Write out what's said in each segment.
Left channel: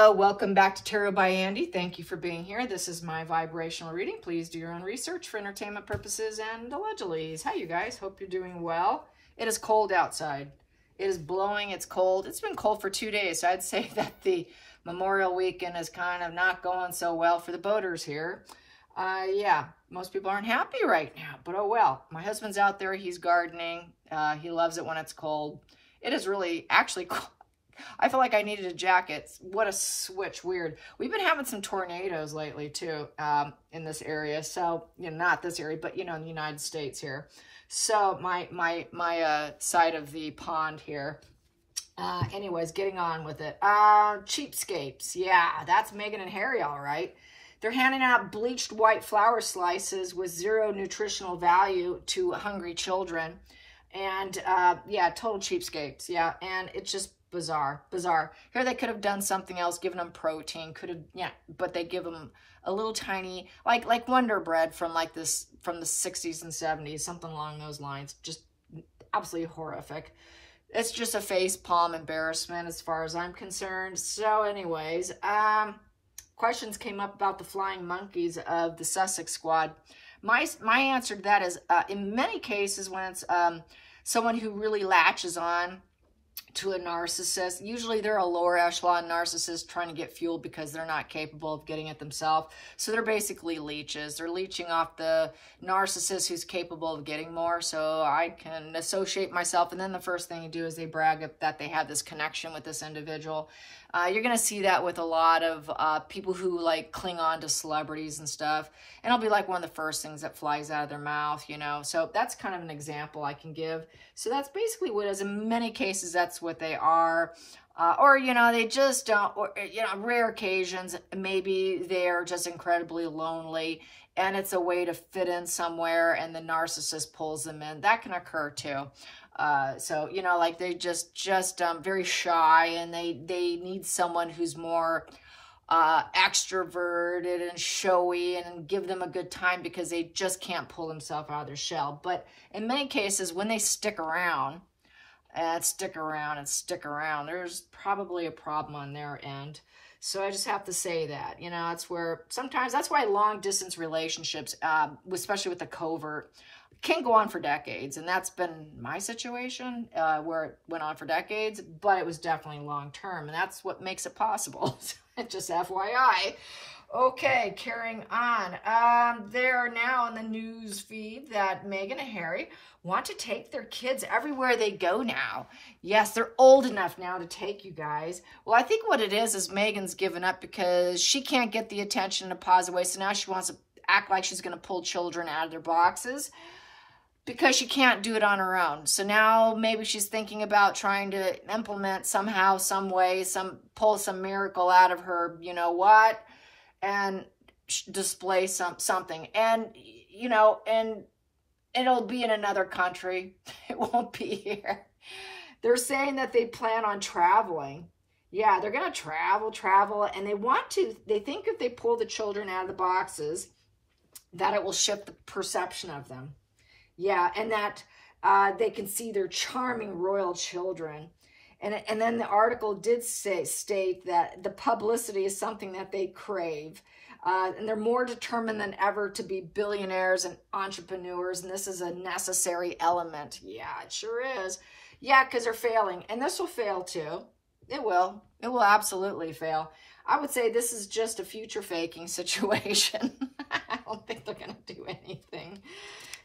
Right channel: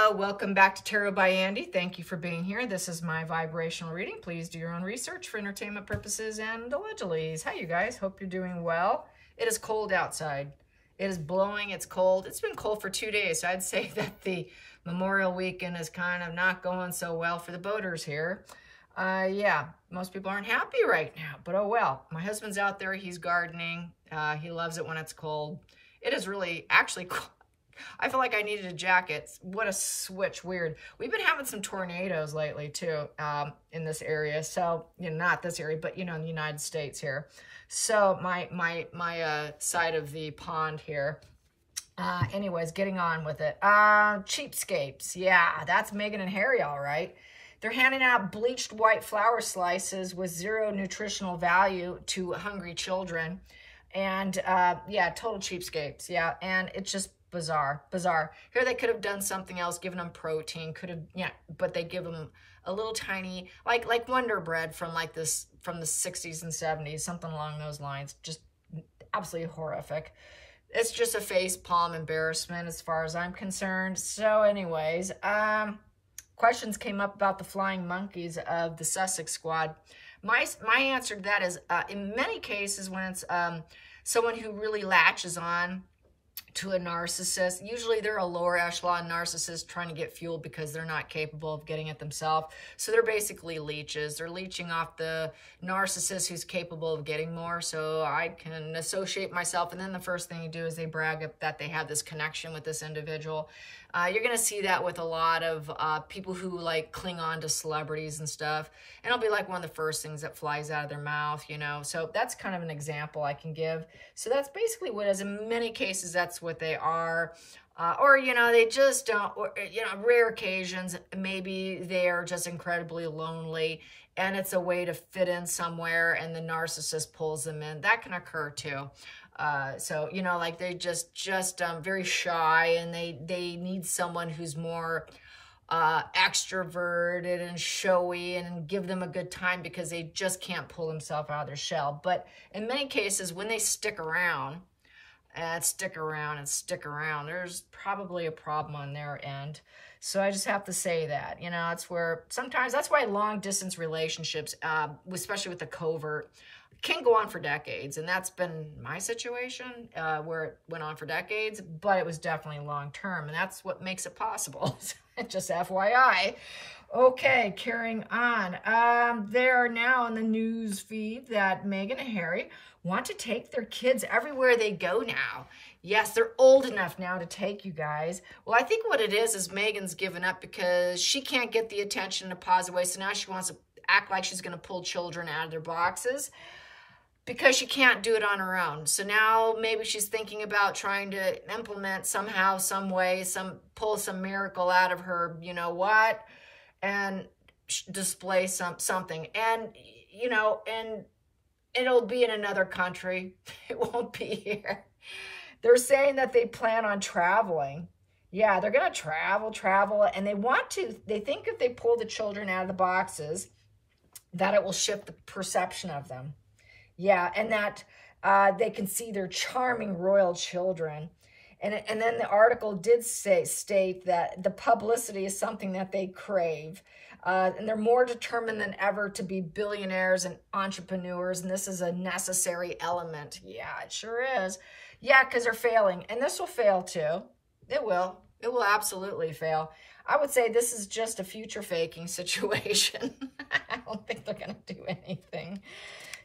Hello, welcome back to Tarot by Andy. Thank you for being here. This is my vibrational reading. Please do your own research for entertainment purposes and allegedly. Hi, you guys. Hope you're doing well. It is cold outside. It is blowing. It's cold. It's been cold for 2 days. So I'd say that the Memorial weekend is kind of not going so well for the boaters here. Yeah, most people aren't happy right now, but oh well. My husband's out there. He's gardening. He loves it when it's cold. It is really actually cold. I feel like I needed a jacket. What a switch. Weird. We've been having some tornadoes lately too, in this area. So, you know, not this area, but you know, in the United States here. So my side of the pond here. Anyways, getting on with it. Cheapskates. Yeah, that's Meghan and Harry, all right. They're handing out bleached white flour slices with zero nutritional value to hungry children. And, yeah, total cheapskates. Yeah, and it's just bizarre. Here they could have done something else, given them protein, could have, yeah, but they give them a little tiny, like Wonder Bread from like this, from the 60s and 70s, something along those lines. Just absolutely horrific. It's just a face palm embarrassment as far as I'm concerned. So anyways, questions came up about the flying monkeys of the Sussex Squad. My answer to that is, in many cases when it's someone who really latches on to a narcissist, usually they're a lower echelon narcissist trying to get fuel because they're not capable of getting it themselves. So they're basically leeches. They're leeching off the narcissist who's capable of getting more. So I can associate myself. And then the first thing you do is they brag that they have this connection with this individual. You're going to see that with a lot of people who like cling on to celebrities and stuff. And it'll be like one of the first things that flies out of their mouth, you know. So that's kind of an example I can give. So that's basically what it is. In many cases, that's what they are. Or, you know, they just don't, or, you know, rare occasions, maybe they're just incredibly lonely and it's a way to fit in somewhere and the narcissist pulls them in. That can occur too. So, you know, like they just very shy and they need someone who's more extroverted and showy and give them a good time because they just can't pull themselves out of their shell. But in many cases, when they stick around, there's probably a problem on their end. So I just have to say that, you know, it's where sometimes that's why long distance relationships, especially with the covert, can go on for decades. And that's been my situation where it went on for decades, but it was definitely long term. And that's what makes it possible. Just FYI. Okay, carrying on. They are now in the news feed that Meghan and Harry want to take their kids everywhere they go now. Yes, they're old enough now to take you guys. Well, I think what it is Meghan's given up because she can't get the attention in a positive way. So now she wants to act like she's going to pull children out of their boxes because she can't do it on her own. So now maybe she's thinking about trying to implement somehow, some way, pull some miracle out of her, you know what, and display something. And, you know, and it'll be in another country. It won't be here. They're saying that they plan on traveling. Yeah, they're going to travel, and they think if they pull the children out of the boxes, that it will shift the perception of them. Yeah, and that they can see their charming royal children. And then the article did state that the publicity is something that they crave. And they're more determined than ever to be billionaires and entrepreneurs. And this is a necessary element. Yeah, it sure is. Yeah, because they're failing. And this will fail too. It will. It will absolutely fail. I would say this is just a future faking situation. I don't think they're going to do anything.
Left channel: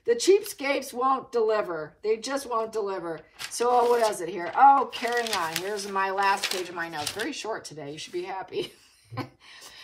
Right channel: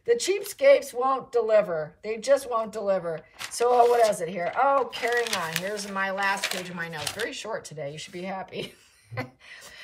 The cheapskates won't deliver. They just won't deliver. So what is it here? Oh, carrying on. Here's my last page of my notes. Very short today. You should be happy.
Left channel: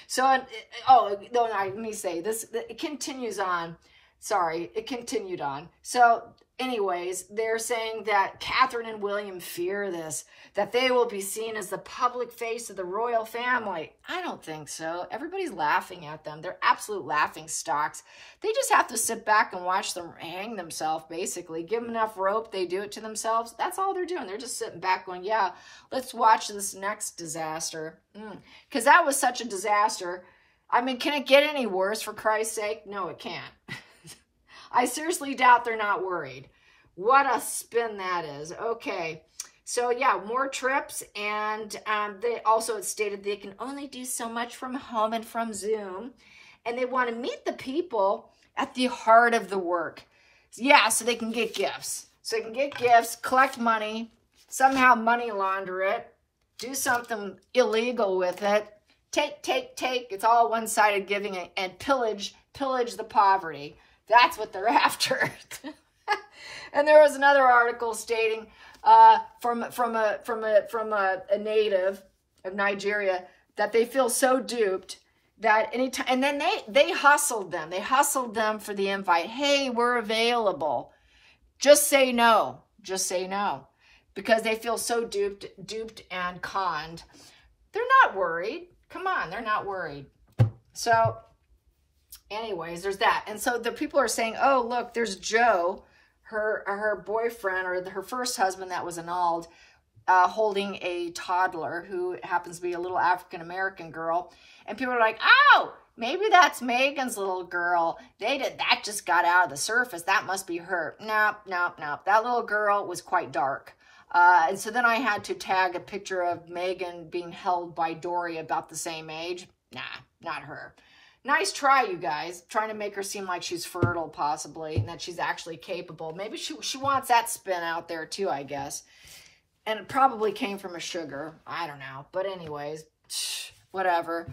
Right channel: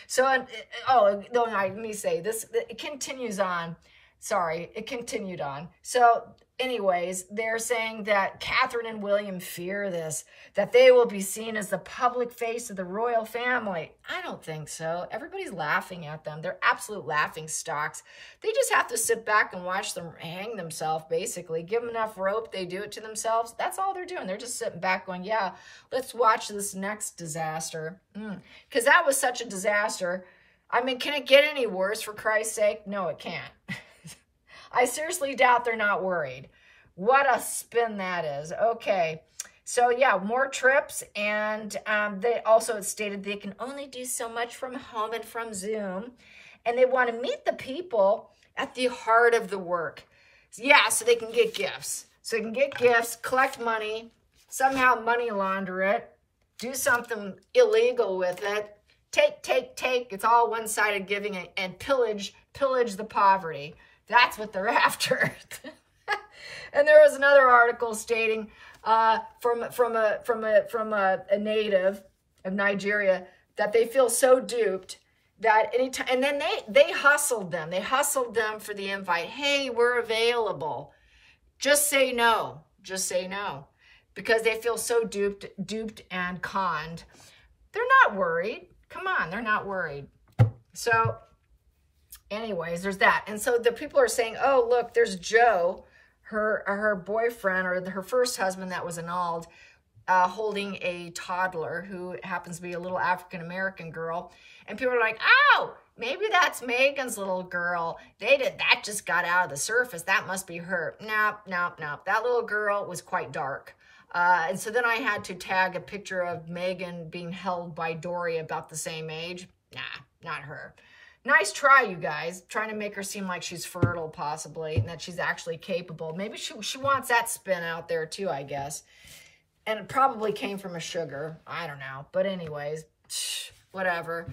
So, oh, no, let me say this. It continues on. Sorry, it continued on. So anyways, they're saying that Catherine and William fear this, that they will be seen as the public face of the royal family. I don't think so. Everybody's laughing at them. They're absolute laughing stocks. They just have to sit back and watch them hang themselves, basically. Give them enough rope, they do it to themselves. That's all they're doing. They're just sitting back going, yeah, let's watch this next disaster. Because that was such a disaster. I mean, can it get any worse, for Christ's sake? No, it can't. I seriously doubt they're not worried. What a spin that is. Okay. So yeah, more trips. And they also stated they can only do so much from home and from Zoom. And they want to meet the people at the heart of the work. Yeah, so they can get gifts. So they can get gifts, collect money, somehow money launder it, do something illegal with it, take. It's all one-sided giving and pillage the poverty. That's what they're after. And there was another article stating from a native of Nigeria that they feel so duped that anytime, and then they hustled them. They hustled them for the invite. Hey, we're available. Just say no. Just say no. Because they feel so duped and conned. They're not worried. Come on, they're not worried. So, anyways, there's that. And so the people are saying, oh, look, there's Joe, her boyfriend, or her first husband that was annulled, holding a toddler who happens to be a little African-American girl. And people are like, oh, maybe that's Megan's little girl. That just got out of the surface. That must be her. Nope. That little girl was quite dark. And so then I had to tag a picture of Megan being held by Dory about the same age. Nah, not her. Nice try, you guys. Trying to make her seem like she's fertile, possibly, and that she's actually capable. Maybe she wants that spin out there, too, I guess. And it probably came from a sugar. I don't know. But anyways, whatever.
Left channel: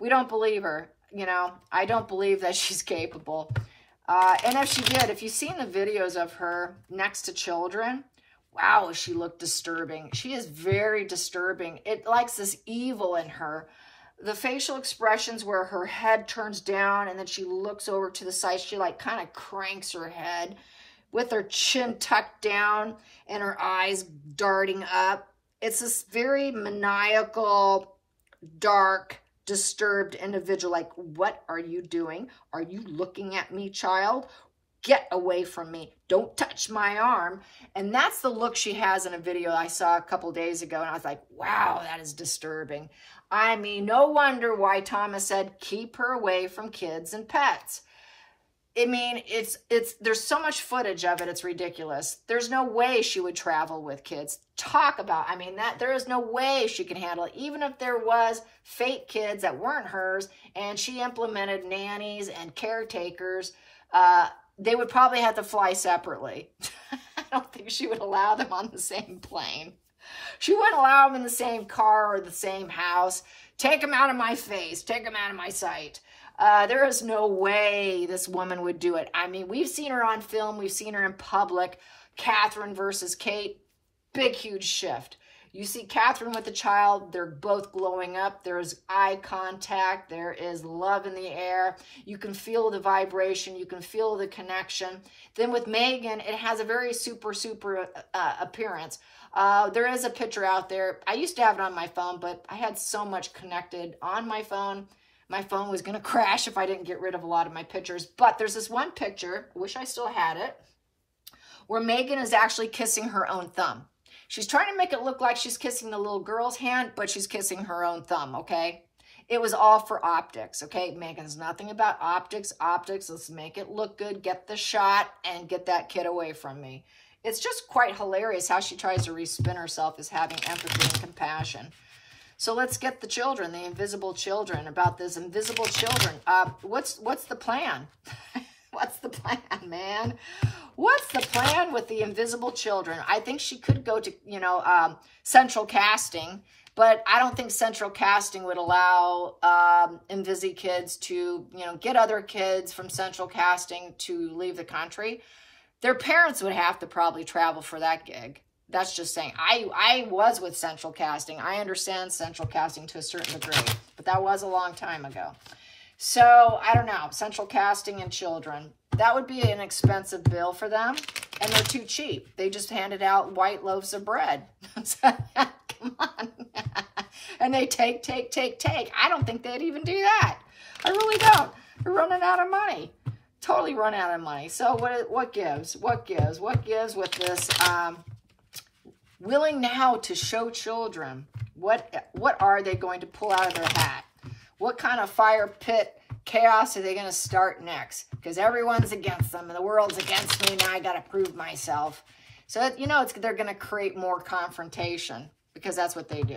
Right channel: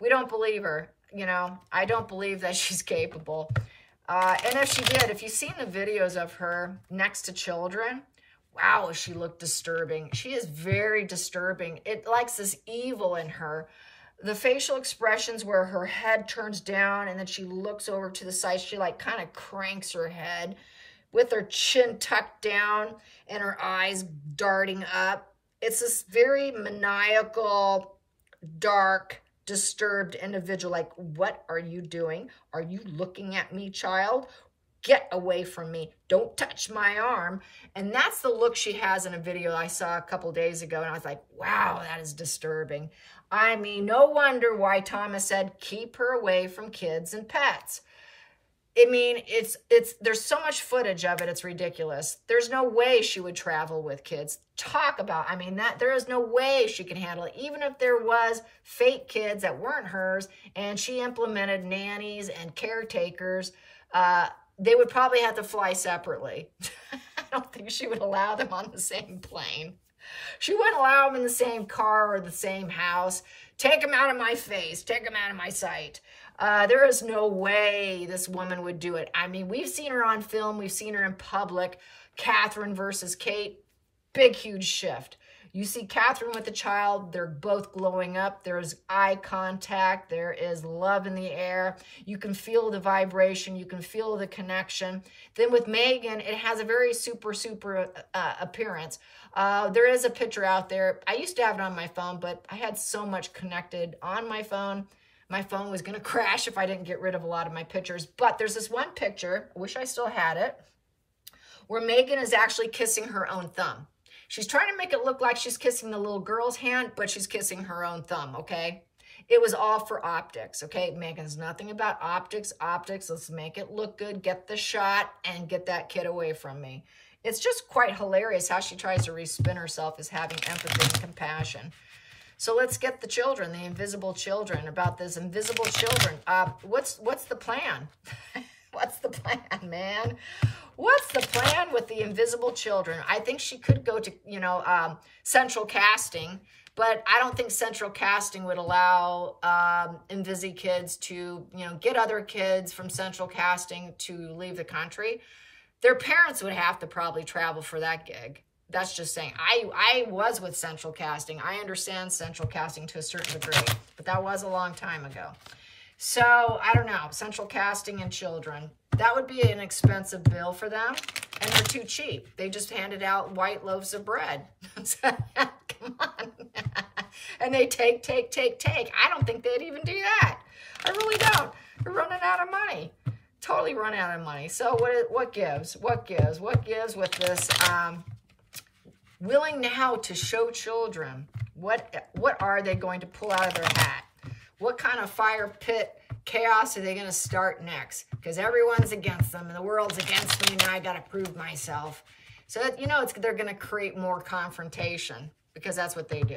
We don't believe her. You know, I don't believe that she's capable. And if she did, if you've seen the videos of her next to children, wow, she looked disturbing. She is very disturbing. It likes this evil in her. The facial expressions where her head turns down and then she looks over to the side. She like kind of cranks her head with her chin tucked down and her eyes darting up. It's this very maniacal, dark, disturbed individual. Like, what are you doing? Are you looking at me, child? Get away from me. Don't touch my arm. And that's the look she has in a video I saw a couple days ago. And I was like, wow, that is disturbing. I mean, no wonder why Thomas said, keep her away from kids and pets. I mean, there's so much footage of it, it's ridiculous. There's no way she would travel with kids. Talk about, I mean, there is no way she can handle it. Even if there was fake kids that weren't hers and she implemented nannies and caretakers, they would probably have to fly separately. I don't think she would allow them on the same plane. She wouldn't allow them in the same car or the same house. Take them out of my face. Take them out of my sight. There is no way this woman would do it. I mean, we've seen her on film. We've seen her in public. Catherine versus Kate. Big, huge shift. You see Catherine with the child. They're both glowing up. There's eye contact. There is love in the air. You can feel the vibration. You can feel the connection. Then with Megan, it has a very super appearance. There is a picture out there. I used to have it on my phone, but I had so much connected on my phone. My phone was going to crash if I didn't get rid of a lot of my pictures. But there's this one picture, I wish I still had it, where Megan is actually kissing her own thumb. She's trying to make it look like she's kissing the little girl's hand, but she's kissing her own thumb, okay? It was all for optics, okay? Megan's nothing about optics. Let's make it look good, get the shot, and get that kid away from me. It's just quite hilarious how she tries to respin herself as having empathy and compassion. So let's get the children, the invisible children, about this invisible children. What's the plan? What's the plan, man? What's the plan with the invisible children? I think she could go to, central casting, but I don't think central casting would allow Invisi kids to, get other kids from central casting to leave the country. Their parents would have to probably travel for that gig. That's just saying. I was with central casting. I understand central casting to a certain degree, but that was a long time ago. So, I don't know. Central casting and children. That would be an expensive bill for them, and they're too cheap. They just handed out white loaves of bread. Come on. And they take. I don't think they'd even do that. I really don't. They're running out of money. Totally run out of money. So what gives? What gives with this willing now to show children? What are they going to pull out of their hat? What kind of fire pit chaos are they going to start next? Because everyone's against them and the world's against me. Now I got to prove myself. So, you know, they're going to create more confrontation because that's what they do.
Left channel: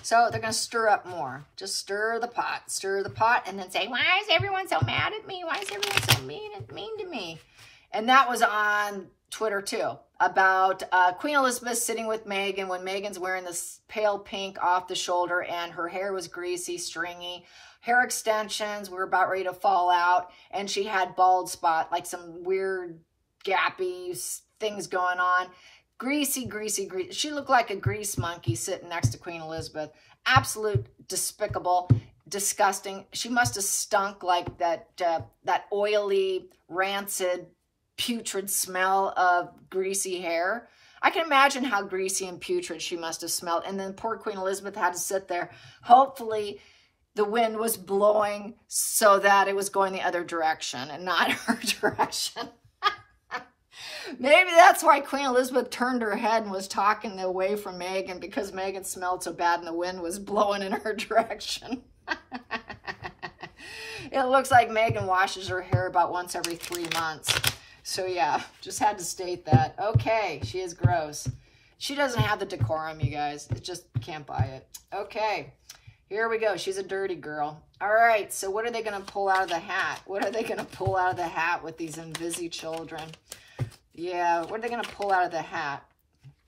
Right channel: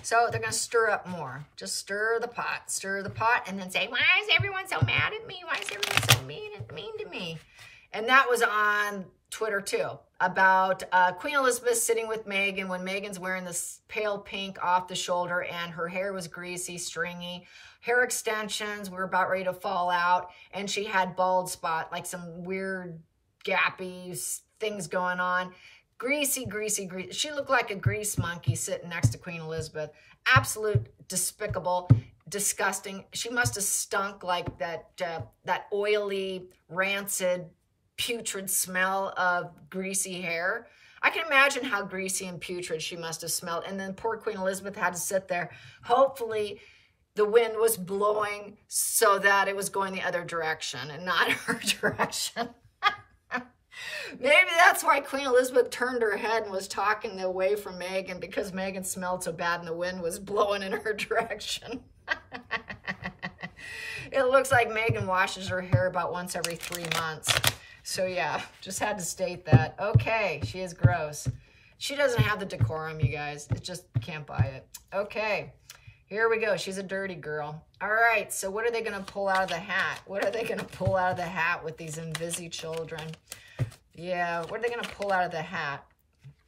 So they're going to stir up more. Just stir the pot, and then say, why is everyone so mad at me? Why is everyone so mean to me? And that was on Twitter too, about Queen Elizabeth sitting with Meghan when Meghan's wearing this pale pink off the shoulder and her hair was greasy, stringy. Hair extensions were about ready to fall out, and she had bald spot, like some weird gappy things going on. Greasy, greasy, greasy. She looked like a grease monkey sitting next to Queen Elizabeth. Absolute despicable, disgusting. She must have stunk like that oily, rancid, putrid smell of greasy hair. I can imagine how greasy and putrid she must have smelled. And then poor Queen Elizabeth had to sit there. Hopefully the wind was blowing so that it was going the other direction and not her direction. Maybe that's why Queen Elizabeth turned her head and was talking away from Meghan, because Meghan smelled so bad and the wind was blowing in her direction. It looks like Meghan washes her hair about once every 3 months. So yeah, just had to state that. Okay, she is gross. She doesn't have the decorum, you guys. It just can't buy it. Okay, here we go. She's a dirty girl. All right, so what are they going to pull out of the hat? What are they going to pull out of the hat with these Invisi children? Yeah, what are they going to pull out of the hat?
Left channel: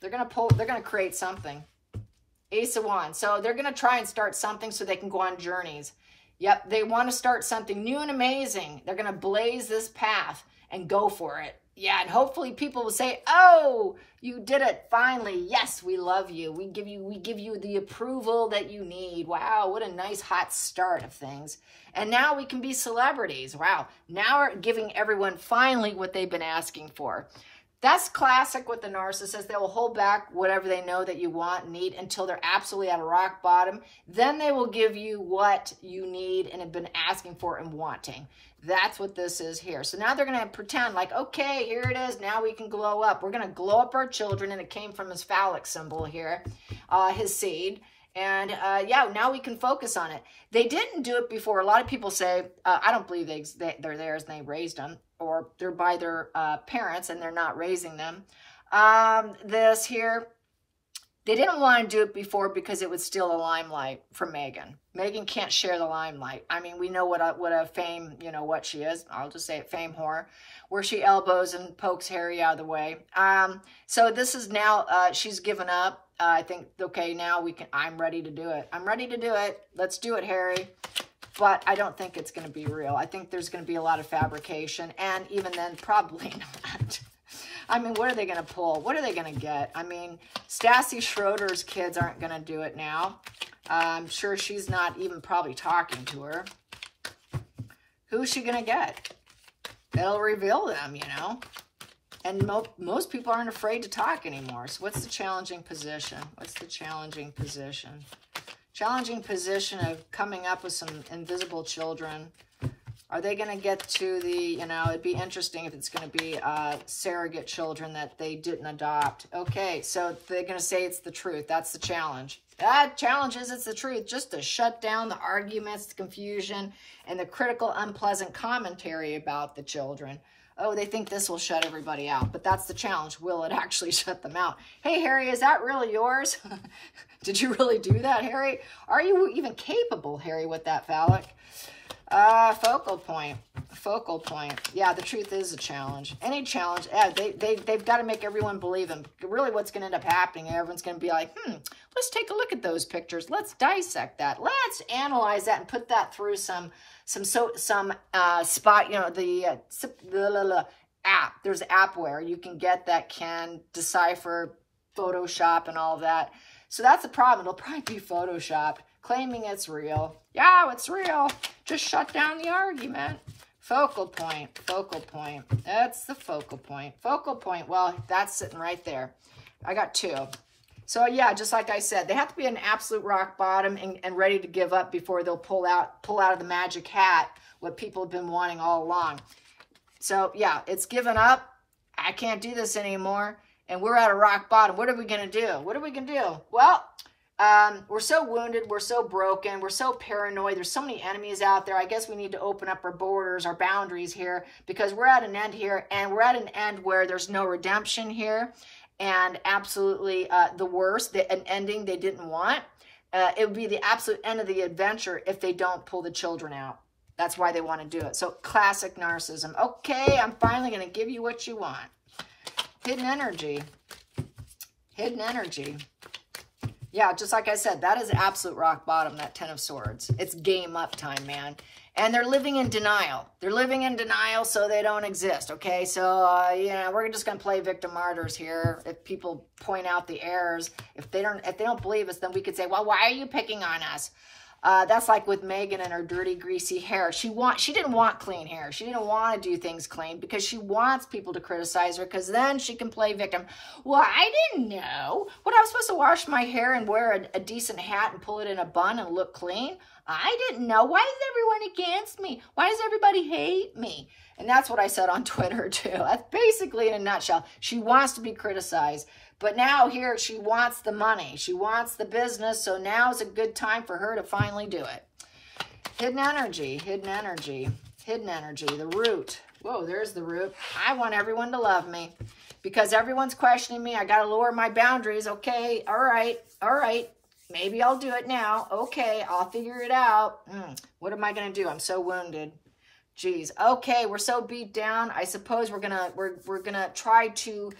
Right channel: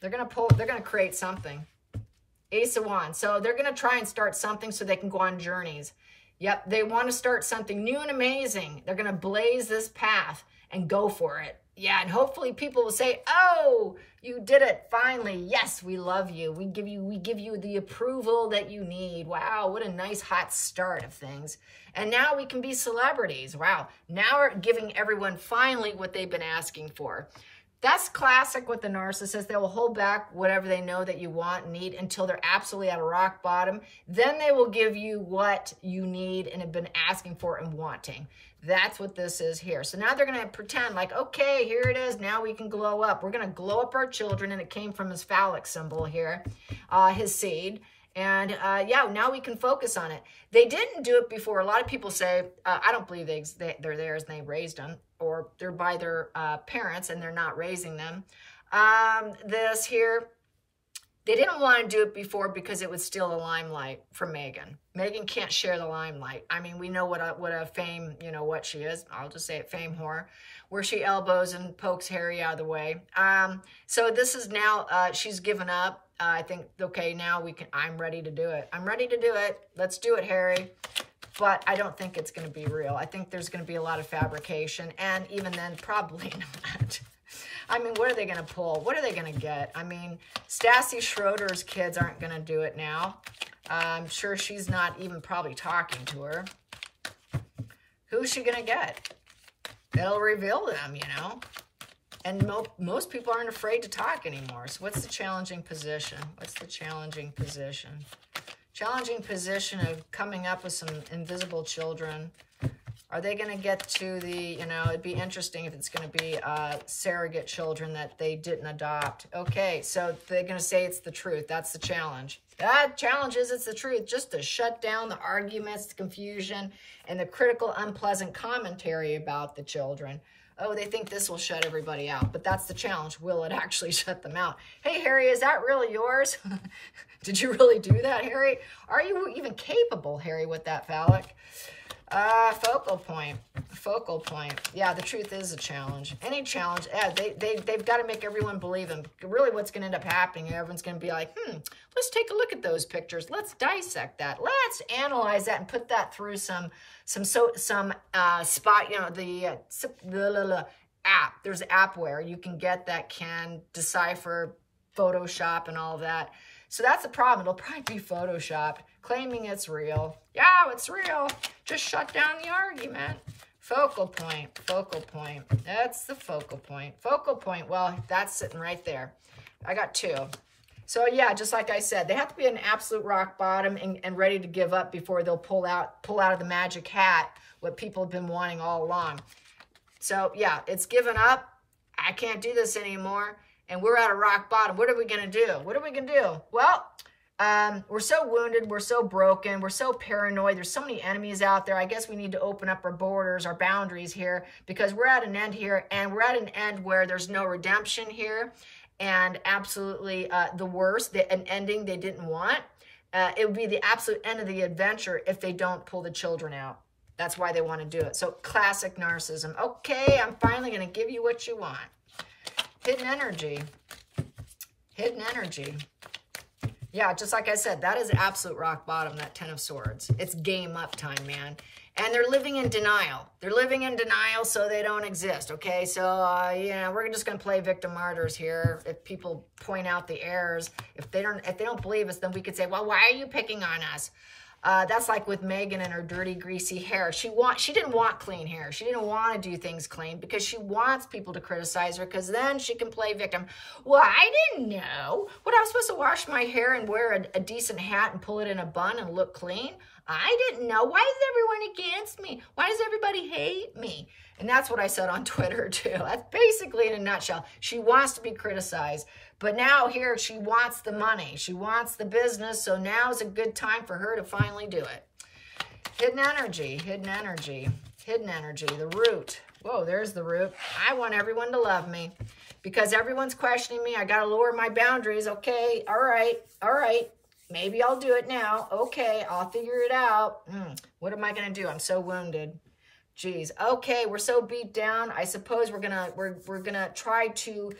They're going to create something. Ace of Wands. So they're going to try and start something so they can go on journeys. Yep, they want to start something new and amazing. They're going to blaze this path and go for it. Yeah, and hopefully people will say, oh, you did it finally. Yes, we love you. We give you the approval that you need. Wow, what a nice hot start of things. And now we can be celebrities. Wow, now we're giving everyone finally what they've been asking for. That's classic with the narcissist. They will hold back whatever they know that you want and need until they're absolutely at a rock bottom. Then they will give you what you need and have been asking for and wanting. That's what this is here. So now they're going to pretend like, okay, here it is. Now we can glow up. We're going to glow up our children. And it came from his phallic symbol here, his seed. And yeah, now we can focus on it. They didn't do it before. A lot of people say, I don't believe they're theirs and they raised them, or they're by their parents and they're not raising them. This here, they didn't want to do it before because it would steal the limelight from Meghan. Meghan can't share the limelight. I mean, we know what a fame, you know, what she is. I'll just say it, fame whore, where she elbows and pokes Harry out of the way. So this is now, she's given up. I think, okay, now I'm ready to do it. I'm ready to do it. Let's do it, Harry. But I don't think it's going to be real. I think there's going to be a lot of fabrication. And even then, probably not. I mean, what are they going to pull? What are they going to get? I mean, Stassi Schroeder's kids aren't going to do it now. I'm sure she's not even probably talking to her. Who's she going to get? That'll reveal them, you know. And most people aren't afraid to talk anymore. So what's the challenging position? What's the challenging position? Challenging position of coming up with some invisible children. Are they going to get to the, you know, it'd be interesting if it's going to be surrogate children that they didn't adopt. Okay, so they're going to say it's the truth. That's the challenge. That challenge is it's the truth, just to shut down the arguments, the confusion, and the critical, unpleasant commentary about the children. Oh, they think this will shut everybody out, but that's the challenge. Will it actually shut them out? Hey, Harry, is that really yours? Did you really do that, Harry? Are you even capable, Harry, with that phallic? Focal point. Focal point. Yeah, the truth is a challenge. Any challenge, they've got to make everyone believe them. Really what's going to end up happening, everyone's going to be like, let's take a look at those pictures. Let's dissect that. Let's analyze that and put that through some spot, you know, the app. There's app where you can get that can decipher Photoshop and all that. So that's the problem. It'll probably be Photoshop claiming it's real. Yeah, it's real. Just shut down the argument. Focal point, focal point. That's the focal point. Focal point, well, that's sitting right there. I got two. So yeah, just like I said, they have to be an absolute rock bottom and ready to give up before they'll pull out of the magic hat what people have been wanting all along. So yeah, it's given up. I can't do this anymore. And we're at a rock bottom. What are we going to do? What are we going to do? Well, We're so wounded. We're so broken. We're so paranoid. There's so many enemies out there. I guess we need to open up our borders, our boundaries here, because we're at an end here, and we're at an end where there's no redemption here, and absolutely the worst, an ending they didn't want. It would be the absolute end of the adventure if they don't pull the children out. That's why they want to do it. So classic narcissism. Okay, I'm finally going to give you what you want. Hidden energy. Hidden energy. Yeah, just like I said, that is absolute rock bottom, that 10 of Swords. It's game up time, man. And they're living in denial. They're living in denial so they don't exist, okay? So, yeah, we're just going to play victim martyrs here. If people point out the errors, if they don't believe us, then we could say, well, why are you picking on us? That's like with Megan and her dirty, greasy hair. She didn't want clean hair. She didn't want to do things clean because she wants people to criticize her because then she can play victim. Well, I didn't know. What, I was supposed to wash my hair and wear a decent hat and pull it in a bun and look clean? I didn't know. Why is everyone against me? Why does everybody hate me? And that's what I said on Twitter, too. That's basically in a nutshell. She wants to be criticized. But now here, she wants the money. She wants the business. So now is a good time for her to finally do it. Hidden energy, hidden energy, hidden energy, the root. Whoa, there's the root. I want everyone to love me because everyone's questioning me. I got to lower my boundaries. Okay, all right, all right. Maybe I'll do it now. Okay, I'll figure it out. What am I going to do? I'm so wounded. Jeez. Okay, we're so beat down. I suppose we're gonna try to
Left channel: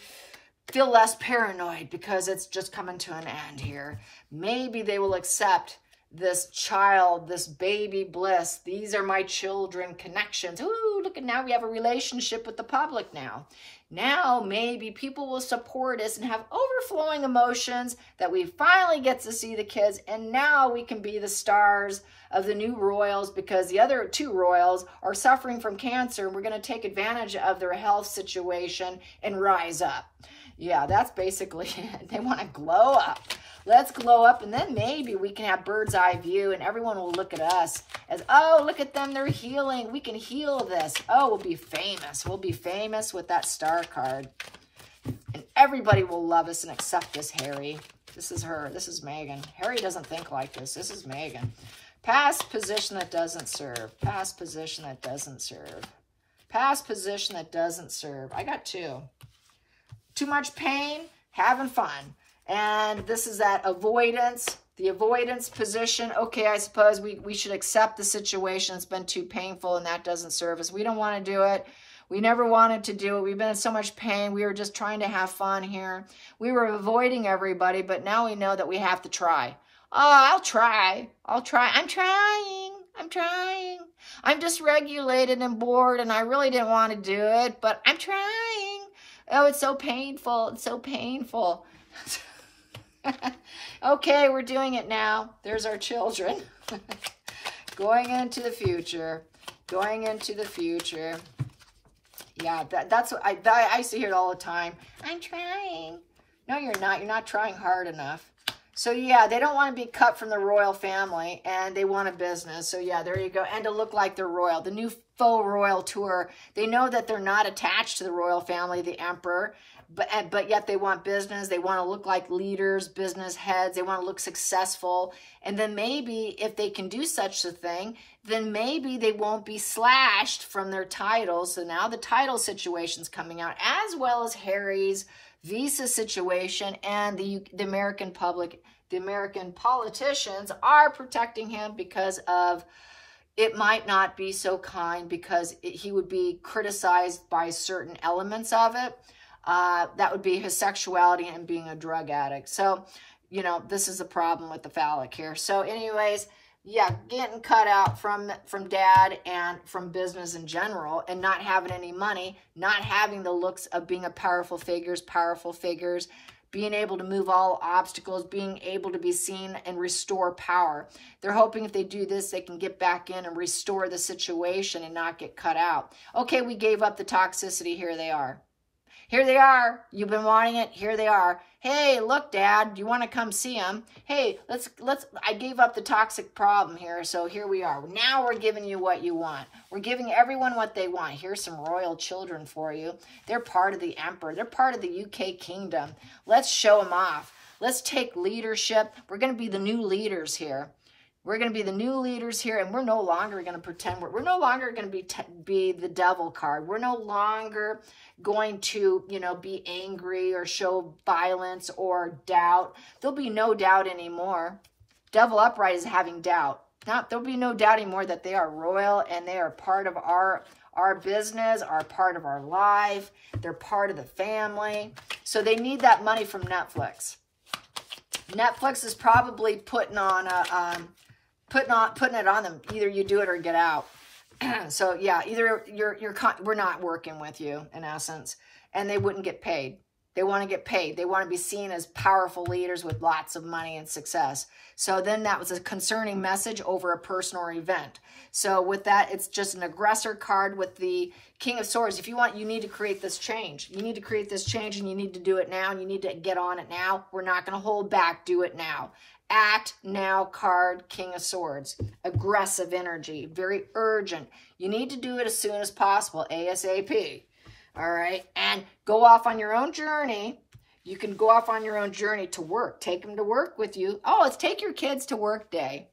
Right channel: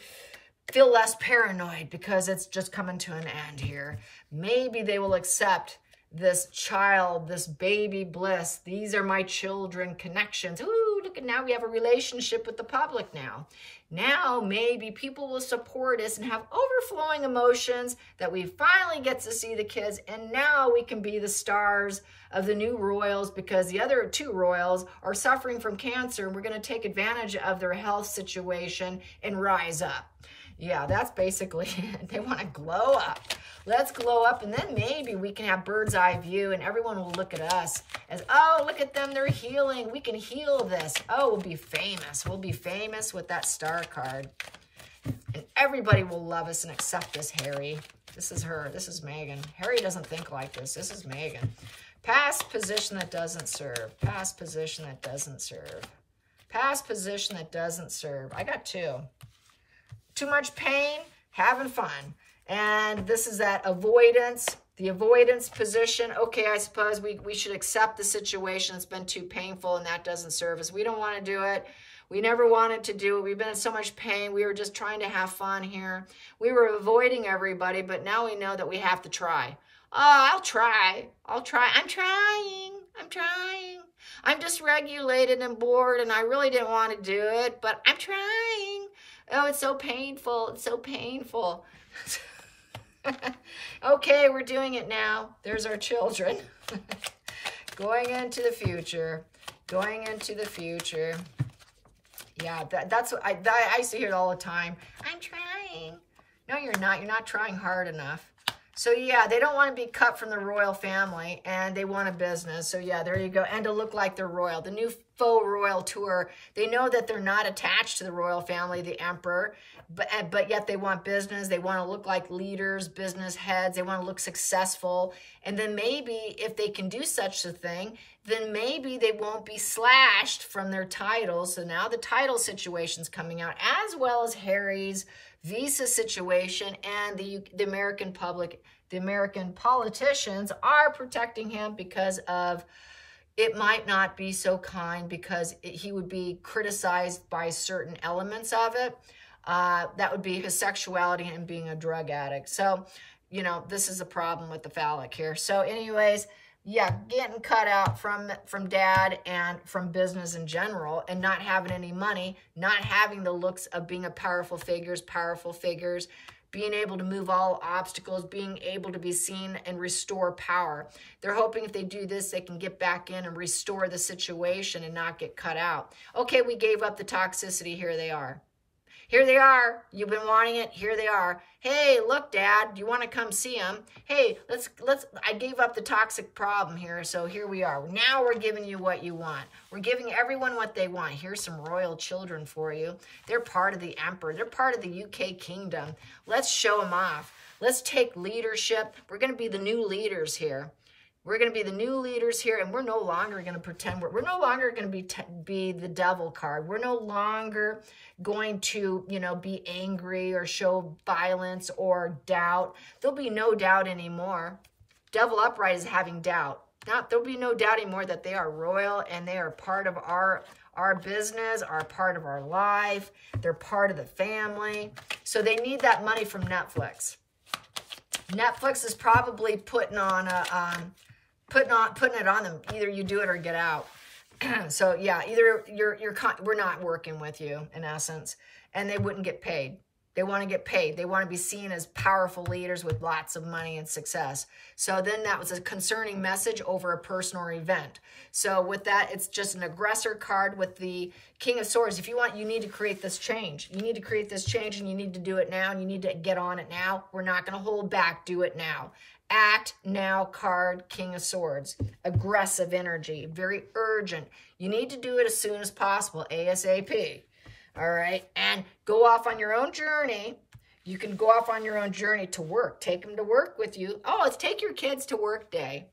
feel less paranoid because it's just coming to an end here. Maybe they will accept this child, this baby bliss. These are my children connections. Ooh, look at now we have a relationship with the public now. Now maybe people will support us and have overflowing emotions that we finally get to see the kids. And now we can be the stars of the new royals because the other two royals are suffering from cancer. And we're going to take advantage of their health situation and rise up. Yeah, that's basically it. They want to glow up. Let's glow up, and then maybe we can have bird's eye view, and everyone will look at us as, oh, look at them, they're healing. We can heal this. Oh, we'll be famous. We'll be famous with that star card. And everybody will love us and accept us, Harry. This is her. This is Megan. Harry doesn't think like this. This is Megan. Past position that doesn't serve. Past position that doesn't serve. Past position that doesn't serve. I got two. Too much pain, having fun. And this is that avoidance, the avoidance position. Okay, I suppose we should accept the situation. It's been too painful and that doesn't serve us. We don't want to do it. We never wanted to do it. We've been in so much pain. We were just trying to have fun here. We were avoiding everybody, but now we know that we have to try. Oh, I'll try. I'll try. I'm trying. I'm trying. I'm dysregulated and bored and I really didn't want to do it, but I'm trying. Oh, it's so painful. It's so painful. Okay, we're doing it now. There's our children. Going into the future. Going into the future. Yeah, that's what I used to hear it all the time. I'm trying. No, you're not. You're not trying hard enough. So, yeah, they don't want to be cut from the royal family, and they want a business. So, yeah, there you go. And to look like they're royal. The new faux royal tour. They know that they're not attached to the royal family, the emperor, but yet they want business. They want to look like leaders, business heads. They want to look successful. And then maybe if they can do such a thing, then maybe they won't be slashed from their titles. So now the title situation's coming out, as well as Harry's visa situation, and the American public, the American politicians are protecting him because of it might not be so kind because he would be criticized by certain elements of it. That would be his sexuality and being a drug addict. So, you know, this is a problem with the phallic here. So anyways, yeah, getting cut out from dad and from business in general and not having any money, not having the looks of being a powerful figures, being able to move all obstacles, being able to be seen and restore power. They're hoping if they do this, they can get back in and restore the situation and not get cut out. Okay, we gave up the toxicity. Here they are. Here they are. You've been wanting it. Here they are. Hey, look, Dad, do you want to come see them? Hey, I gave up the toxic problem here, so here we are. Now we're giving you what you want. We're giving everyone what they want. Here's some royal children for you. They're part of the emperor. They're part of the UK kingdom. Let's show them off. Let's take leadership. We're going to be the new leaders here. We're going to be the new leaders here, and we're no longer going to pretend. We're no longer going to be the devil card. We're no longer going to, you know, be angry or show violence or doubt. There'll be no doubt anymore. Devil upright is having doubt. There'll be no doubt anymore that they are royal and they are part of our business, are part of our life. They're part of the family. So they need that money from Netflix. Netflix is probably putting it on them. Either you do it or get out. So yeah, either we're not working with you, in essence, and they wouldn't get paid. They want to get paid. They want to be seen as powerful leaders with lots of money and success. So then that was a concerning message over a person or event. So with that, it's just an aggressor card with the King of Swords. If you want, you need to create this change. You need to create this change, and you need to do it now, and you need to get on it now. We're not going to hold back. Do it now. Act now card, King of Swords. Aggressive energy, very urgent. You need to do it as soon as possible, ASAP. All right, and go off on your own journey. You can go off on your own journey to work. Take them to work with you. Oh, it's take your kids to work day.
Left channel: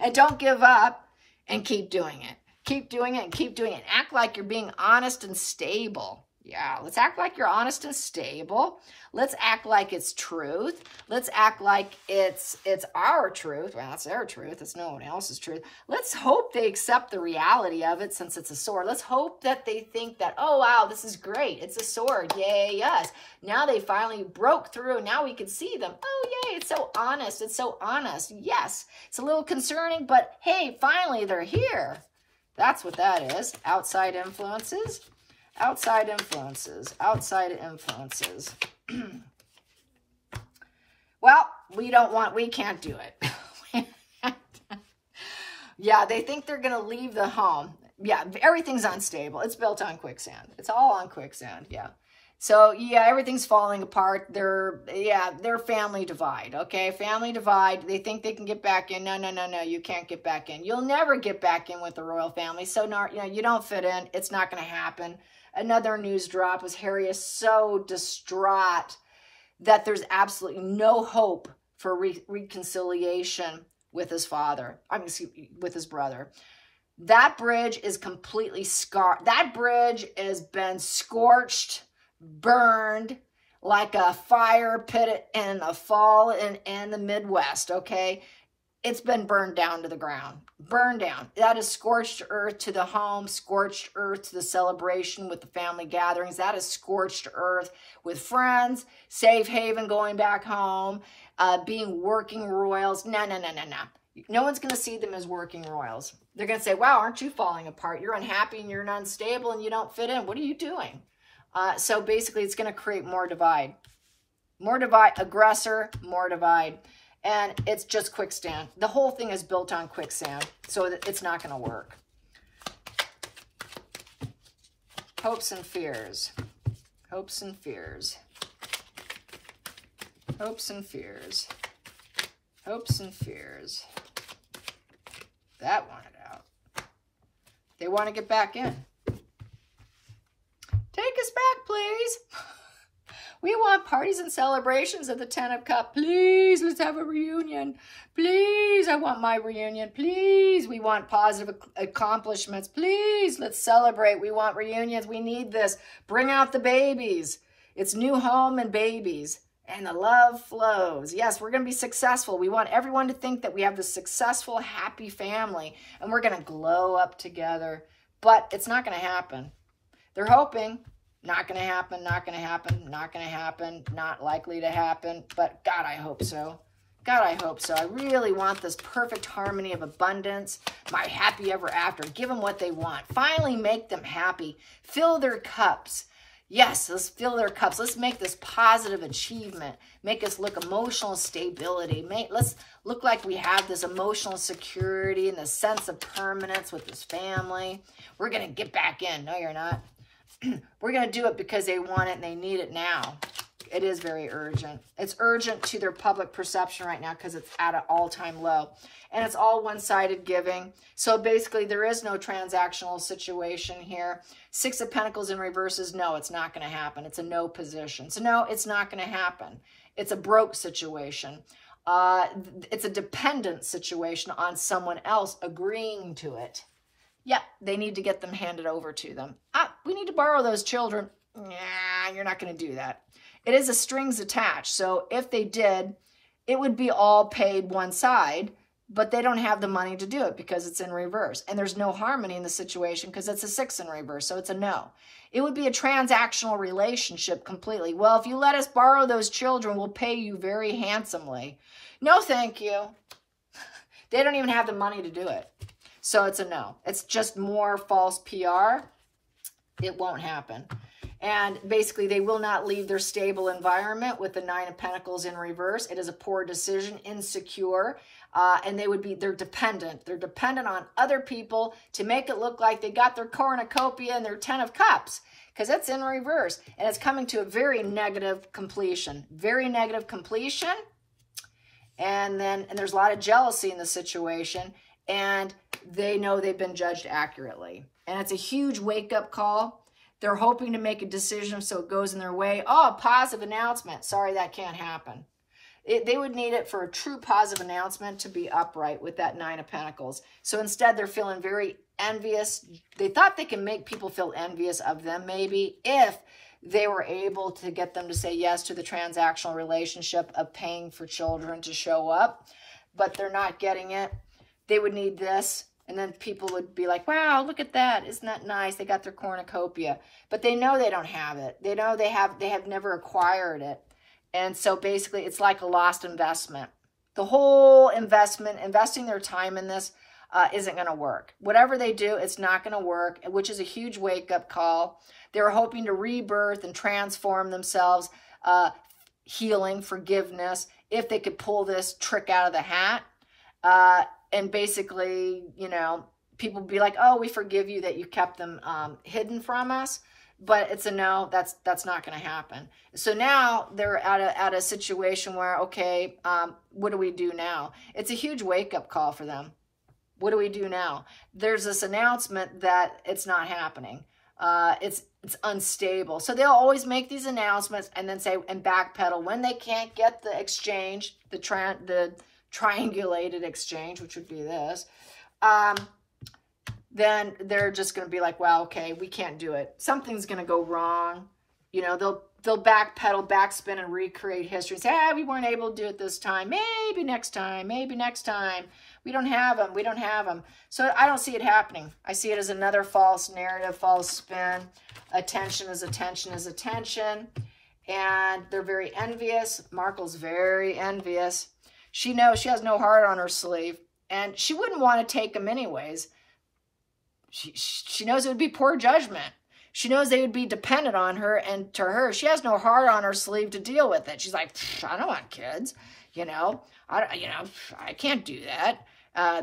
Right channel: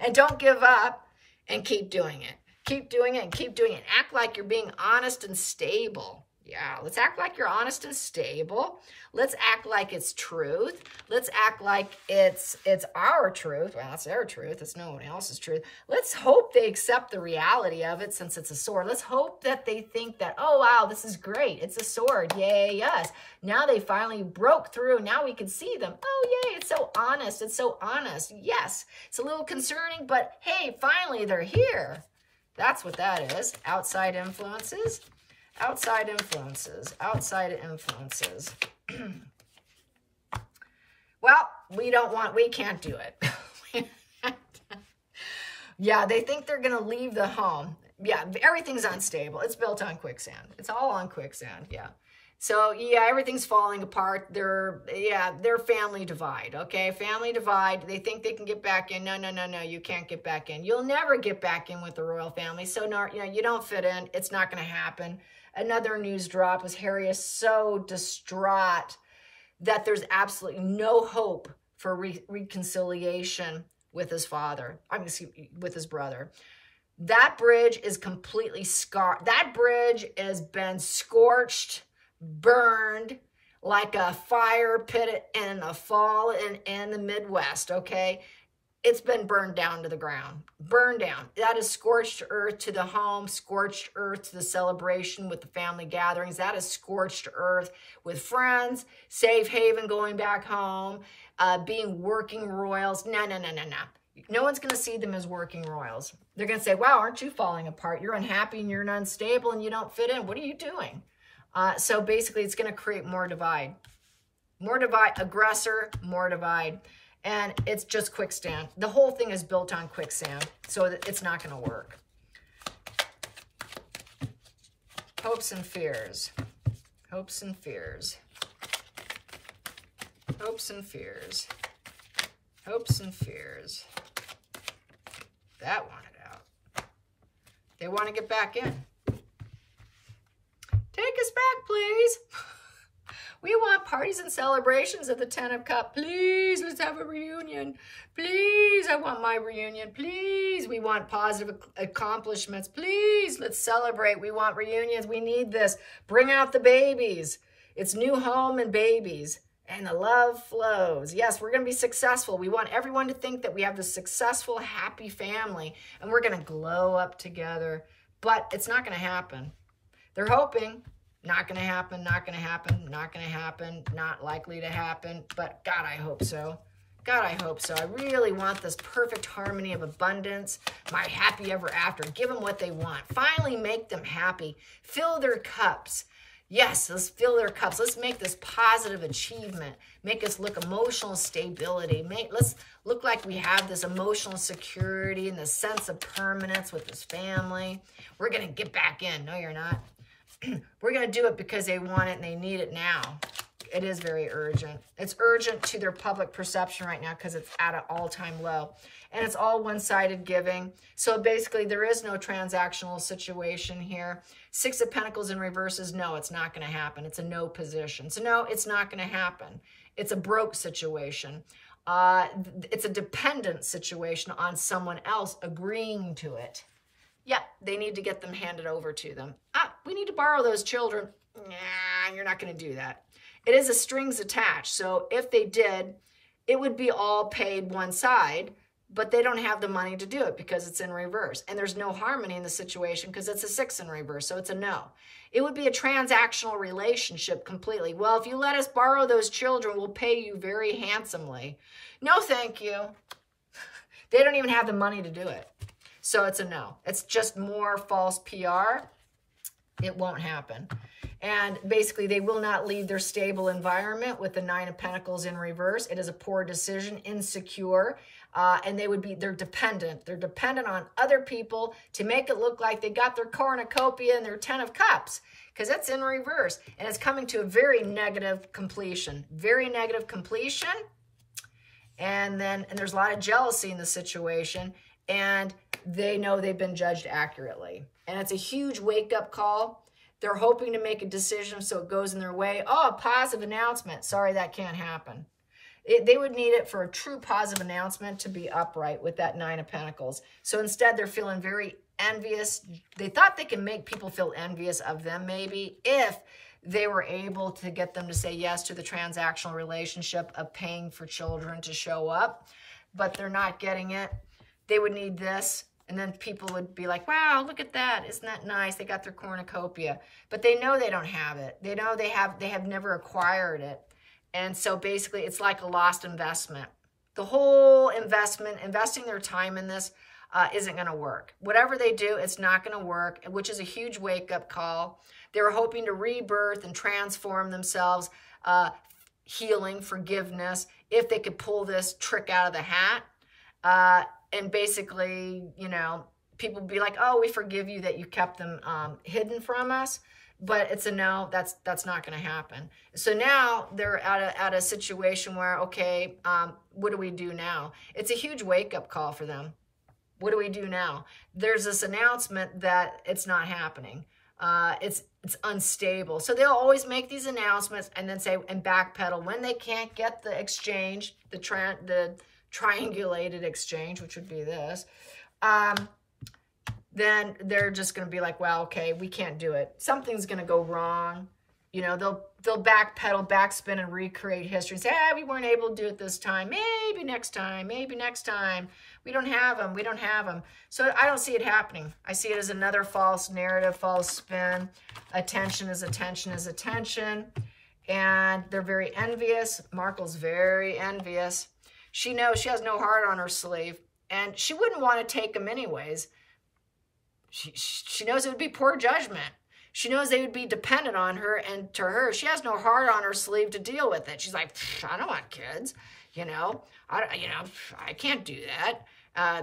And don't give up and keep doing it. Keep doing it and keep doing it. Act like you're being honest and stable. Yeah, let's act like you're honest and stable. Let's act like it's truth. Let's act like it's our truth. Well, it's their truth. It's no one else's truth. Let's hope they accept the reality of it since it's a sword. Let's hope that they think that, oh, wow, this is great. It's a sword. Yay, yes. Now they finally broke through. Now we can see them. Oh, yay, it's so honest. It's so honest. Yes, it's a little concerning, but hey, finally they're here. That's what that is. Outside influences. Outside influences, outside influences. Well, we can't do it. Yeah, they think they're going to leave the home. Yeah, everything's unstable. It's built on quicksand. It's all on quicksand, yeah. So, yeah, everything's falling apart. They're family divide, okay? Family divide. They think they can get back in. No, no, no, no, you can't get back in. You'll never get back in with the royal family. So, you don't fit in. It's not going to happen. Another news drop is Harry is so distraught that there's absolutely no hope for reconciliation with his father. With his brother. That bridge is completely scarred. That bridge has been scorched, burned like a fire pit in the fall in the Midwest, okay? It's been burned down to the ground. Burned down. That is scorched earth to the home, scorched earth to the celebration with the family gatherings. That is scorched earth with friends, safe haven going back home, being working royals. No, no, no, no, no. No one's going to see them as working royals. They're going to say, wow, aren't you falling apart? You're unhappy and you're unstable and you don't fit in. What are you doing? So basically, it's going to create more divide. More divide. Aggressor, more divide. And it's just quicksand. The whole thing is built on quicksand, so it's not going to work. Hopes and fears. Hopes and fears. Hopes and fears. Hopes and fears. That wanted out. They want to get back in. Take us back, please. We want parties and celebrations at the Ten of Cups. Please, let's have a reunion. Please, I want my reunion. Please, we want positive accomplishments. Please, let's celebrate. We want reunions. We need this. Bring out the babies. It's new home and babies. And the love flows. Yes, we're going to be successful. We want everyone to think that we have this successful, happy family. And we're going to glow up together. But it's not going to happen. They're hoping. Not going to happen, not going to happen, not going to happen, not likely to happen. But God, I hope so. God, I hope so. I really want this perfect harmony of abundance, my happy ever after. Give them what they want. Finally make them happy. Fill their cups. Yes, let's fill their cups. Let's make this positive achievement. Make us look emotional stability. Let's look like we have this emotional security and the sense of permanence with this family. We're going to get back in. No, you're not. We're going to do it because they want it and they need it now. It is very urgent. It's urgent to their public perception right now because it's at an all-time low. And it's all one-sided giving. So basically, there is no transactional situation here. Six of Pentacles in reverse is no, it's not going to happen. It's a no position. So no, it's not going to happen. It's a broke situation. It's a dependent situation on someone else agreeing to it. Yeah, they need to get them handed over to them. We need to borrow those children. Nah, you're not going to do that. It is a strings attached. So if they did, it would be all paid one side, but they don't have the money to do it because it's in reverse. And there's no harmony in the situation because it's a 6 in reverse. So it's a no. It would be a transactional relationship completely. Well, if you let us borrow those children, we'll pay you very handsomely. No, thank you. They don't even have the money to do it. So it's a no. It's just more false PR. It won't happen. And basically, they will not leave their stable environment with the 9 of Pentacles in reverse. It is a poor decision, insecure, and they're dependent. They're dependent on other people to make it look like they got their cornucopia and their 10 of Cups, because it's in reverse. And it's coming to a very negative completion. Very negative completion. And there's a lot of jealousy in the situation, and they know they've been judged accurately. And it's a huge wake-up call. They're hoping to make a decision so it goes in their way. Oh, a positive announcement. Sorry, that can't happen. They would need it for a true positive announcement to be upright with that 9 of Pentacles. So instead, they're feeling very envious. They thought they can make people feel envious of them, maybe, if they were able to get them to say yes to the transactional relationship of paying for children to show up. But they're not getting it. They would need this. And then people would be like, wow, look at that. Isn't that nice? They got their cornucopia. But they know they don't have it. They know they have never acquired it. And so basically, it's like a lost investment. The whole investing their time in this isn't going to work. Whatever they do, it's not going to work, which is a huge wake-up call. They're hoping to rebirth and transform themselves, healing, forgiveness, if they could pull this trick out of the hat. And basically, you know, people be like, oh, we forgive you that you kept them hidden from us. But it's a no, that's not going to happen. So now they're at a situation where, okay, what do we do now? It's a huge wake-up call for them. What do we do now? There's this announcement that it's not happening. It's unstable. So they'll always make these announcements and then say, and backpedal when they can't get the exchange, the triangulated exchange, which would be this, then they're just going to be like, well, okay, we can't do it. Something's going to go wrong. You know, they'll backpedal, backspin, and recreate history. Say, we weren't able to do it this time. Maybe next time. Maybe next time. We don't have them. We don't have them. So I don't see it happening. I see it as another false narrative, false spin. Attention is attention is attention. And they're very envious. Markle's very envious. She knows she has no heart on her sleeve. And she wouldn't want to take them anyways. She knows it would be poor judgment. She knows they would be dependent on her, and to her, she has no heart on her sleeve to deal with it. She's like, I don't want kids, you know. I can't do that.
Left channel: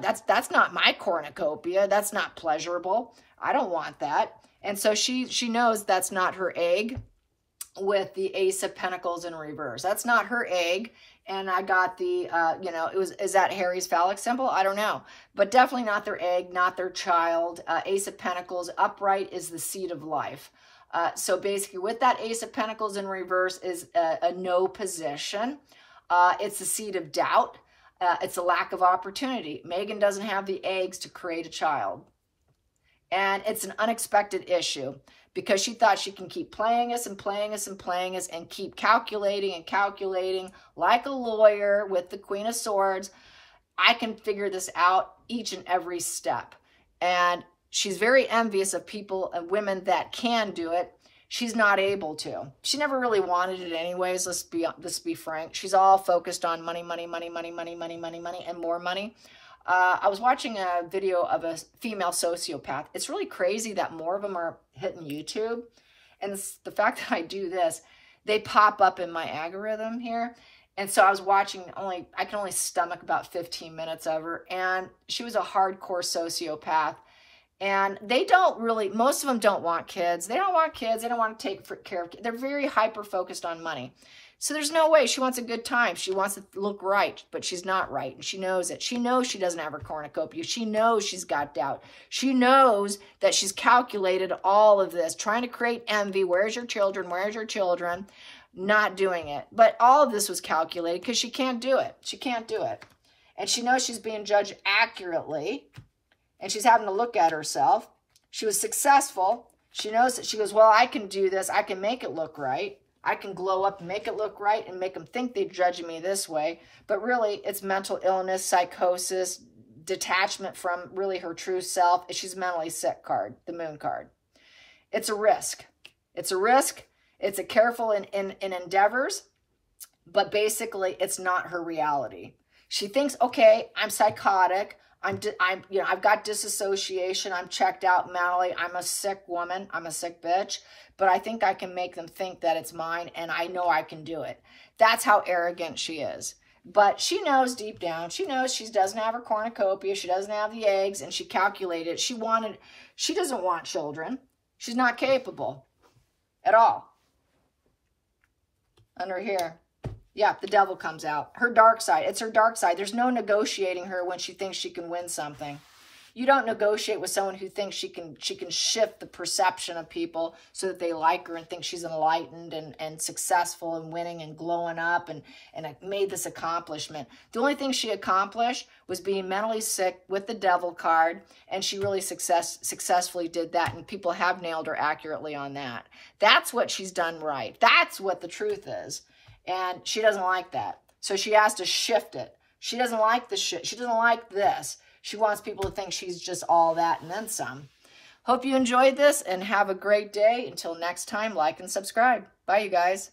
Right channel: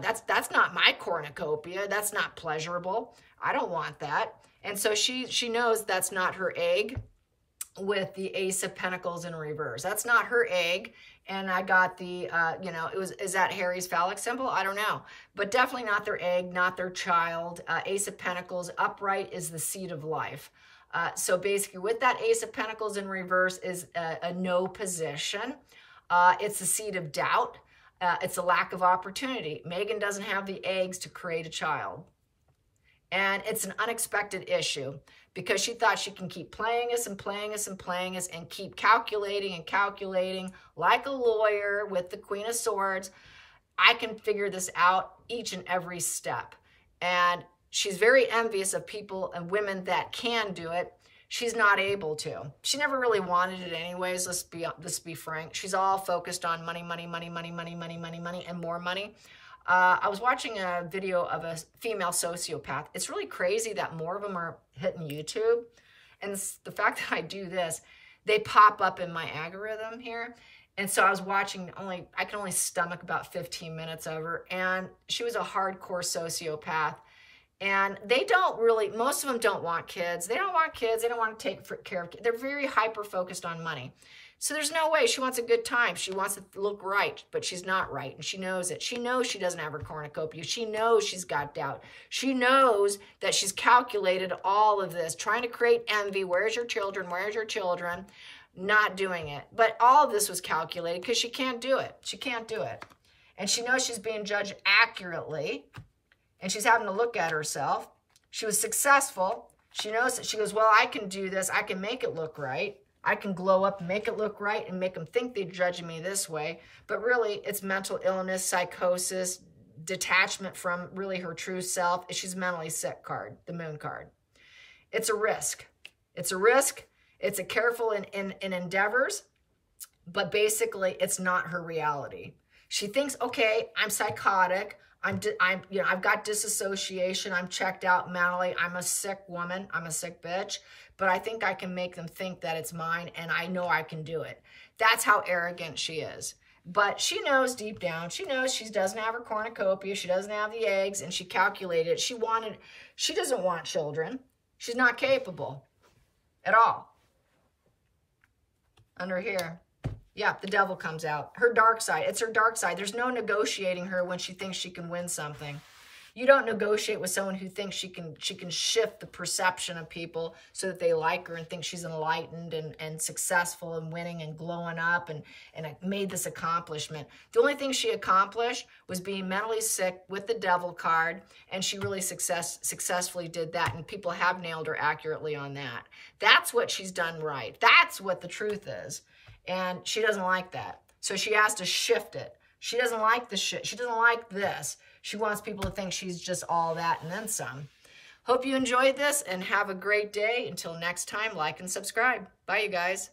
That's not my cornucopia. That's not pleasurable. I don't want that. And so she knows that's not her egg with the Ace of Pentacles in reverse. That's not her egg. And I got the, is that Harry's phallic symbol? I don't know. But definitely not their egg, not their child. Ace of Pentacles upright is the seed of life. So basically with that Ace of Pentacles in reverse is a no position. It's a seed of doubt. It's a lack of opportunity. Megan doesn't have the eggs to create a child. And it's an unexpected issue because she thought she can keep playing us and playing us and playing us and keep calculating and calculating like a lawyer with the Queen of Swords. I can figure this out each and every step. And she's very envious of people and women that can do it. She's not able to. She never really wanted it anyways. Let's be frank. She's all focused on money, money, money, money, money, money, money, money, and more money. I was watching a video of a female sociopath. It's really crazy that more of them are hitting YouTube. And the fact that I do this, they pop up in my algorithm here. And so I was watching I can only stomach about 15 minutes of her. And she was a hardcore sociopath. And they don't really, most of them don't want kids. They don't want kids. They don't want to take care of kids. They're very hyper-focused on money. So there's no way. She wants a good time. She wants to look right, but she's not right, and she knows it. She knows she doesn't have her cornucopia. She knows she's got doubt. She knows that she's calculated all of this, trying to create envy. Where's your children? Where's your children? Not doing it. But all of this was calculated because she can't do it. She can't do it. And she knows she's being judged accurately, and she's having to look at herself. She was successful. She knows that she goes, well, I can do this. I can make it look right. I can glow up and make it look right and make them think they're judging me this way. But really, it's mental illness, psychosis, detachment from really her true self. She's mentally sick card, the moon card. It's a risk. It's a risk. It's a careful in endeavors, but basically it's not her reality. She thinks, okay, I'm psychotic. I've got disassociation. I'm checked out mentally. I'm a sick woman. I'm a sick bitch. But I think I can make them think that it's mine, and I know I can do it. That's how arrogant she is. But she knows deep down, she knows she doesn't have her cornucopia, she doesn't have the eggs, and she calculated it. She doesn't want children. She's not capable at all. Under here. Yeah, the devil comes out. Her dark side. It's her dark side. There's no negotiating her when she thinks she can win something. You don't negotiate with someone who thinks she can shift the perception of people so that they like her and think she's enlightened and successful and winning and glowing up and made this accomplishment. The only thing she accomplished was being mentally sick with the devil card, and she really successfully did that, and people have nailed her accurately on that. That's what she's done right. That's what the truth is, and she doesn't like that. So she has to shift it. She doesn't like the shit. She doesn't like this. She wants people to think she's just all that and then some. Hope you enjoyed this and have a great day. Until next time, like and subscribe. Bye, you guys.